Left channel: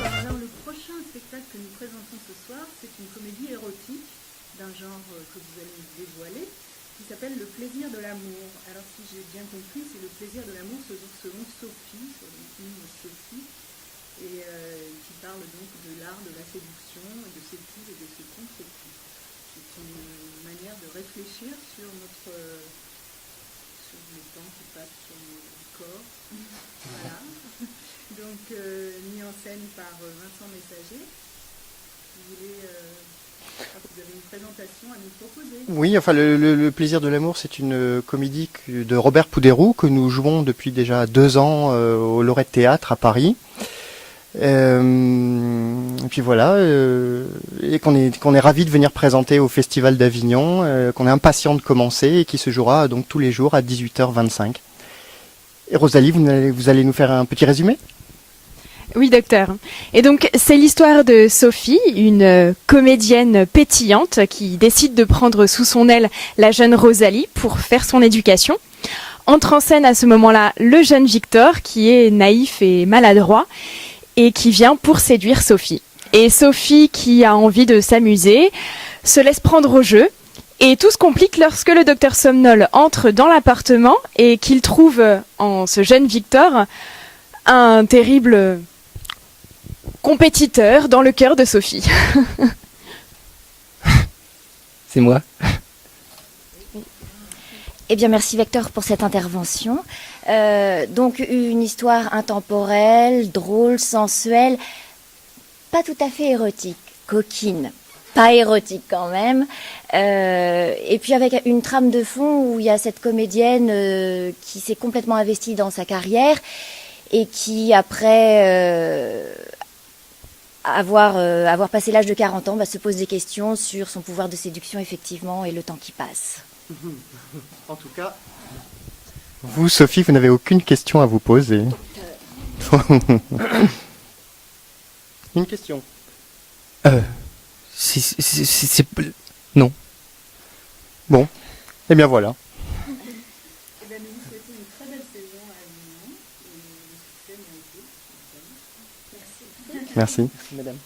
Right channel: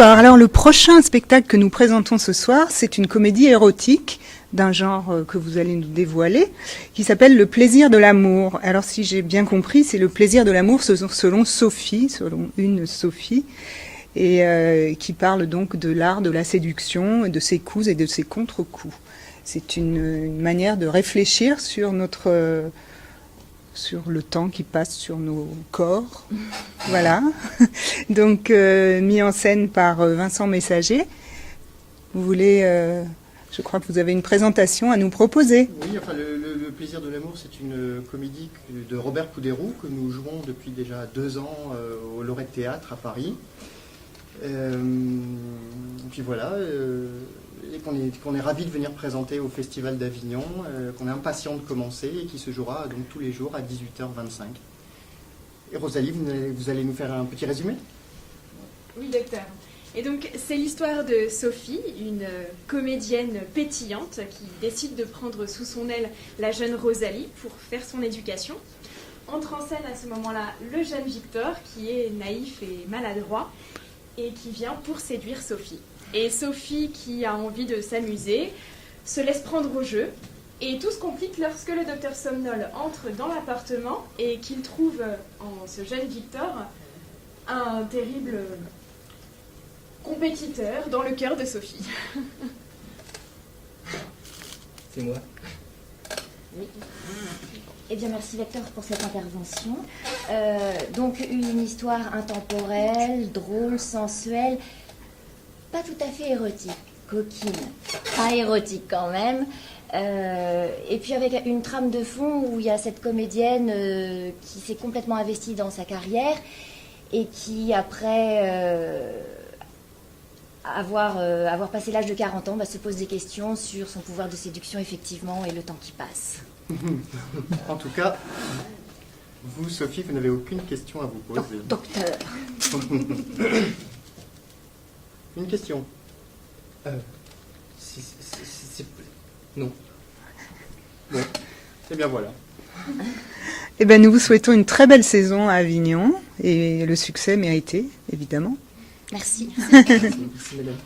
Bonsoir. Alors le prochain spectacle que nous présentons ce soir, c'est une comédie érotique d'un genre que vous allez nous dévoiler, qui s'appelle Le plaisir de l'amour. Alors si j'ai bien compris, c'est le plaisir de l'amour selon Sophie, selon une Sophie, et qui parle donc de l'art de la séduction, de ses coups et de ses contre-coups. C'est une manière de réfléchir sur sur le temps qui passe sur nos corps. Voilà. Donc, mis en scène par Vincent Messager. Vous voulez... je crois que vous avez une présentation à nous proposer. Oui, enfin, le plaisir de l'amour, c'est une comédie de Robert Poudérou que nous jouons depuis déjà 2 ans au Lorette Théâtre à Paris. Et puis voilà, et qu'on est ravis de venir présenter au Festival d'Avignon, qu'on est impatient de commencer et qui se jouera donc tous les jours à 18h25. Et Rosalie, vous allez nous faire un petit résumé ? Oui, docteur. Et donc, c'est l'histoire de Sophie, une comédienne pétillante qui décide de prendre sous son aile la jeune Rosalie pour faire son éducation. Entre en scène à ce moment-là le jeune Victor, qui est naïf et maladroit, et qui vient pour séduire Sophie. Et Sophie, qui a envie de s'amuser, se laisse prendre au jeu. Et tout se complique lorsque le docteur Somnol entre dans l'appartement et qu'il trouve en ce jeune Victor un terrible compétiteur dans le cœur de Sophie. C'est moi. Eh bien, merci Vector pour cette intervention. Donc, une histoire intemporelle, drôle, sensuelle, pas tout à fait érotique, coquine, pas érotique quand même. Et puis avec une trame de fond où il y a cette comédienne qui s'est complètement investie dans sa carrière et qui, après avoir passé l'âge de 40 ans, se pose des questions sur son pouvoir de séduction, effectivement, et le temps qui passe. En tout cas, vous, Sophie, vous n'avez aucune question à vous poser. Docteur. Une question. Non. Bon, eh bien voilà. Eh bien, nous vous souhaitons une très belle saison à Avignon et le succès mérité, évidemment. Merci. Merci. Merci, madame.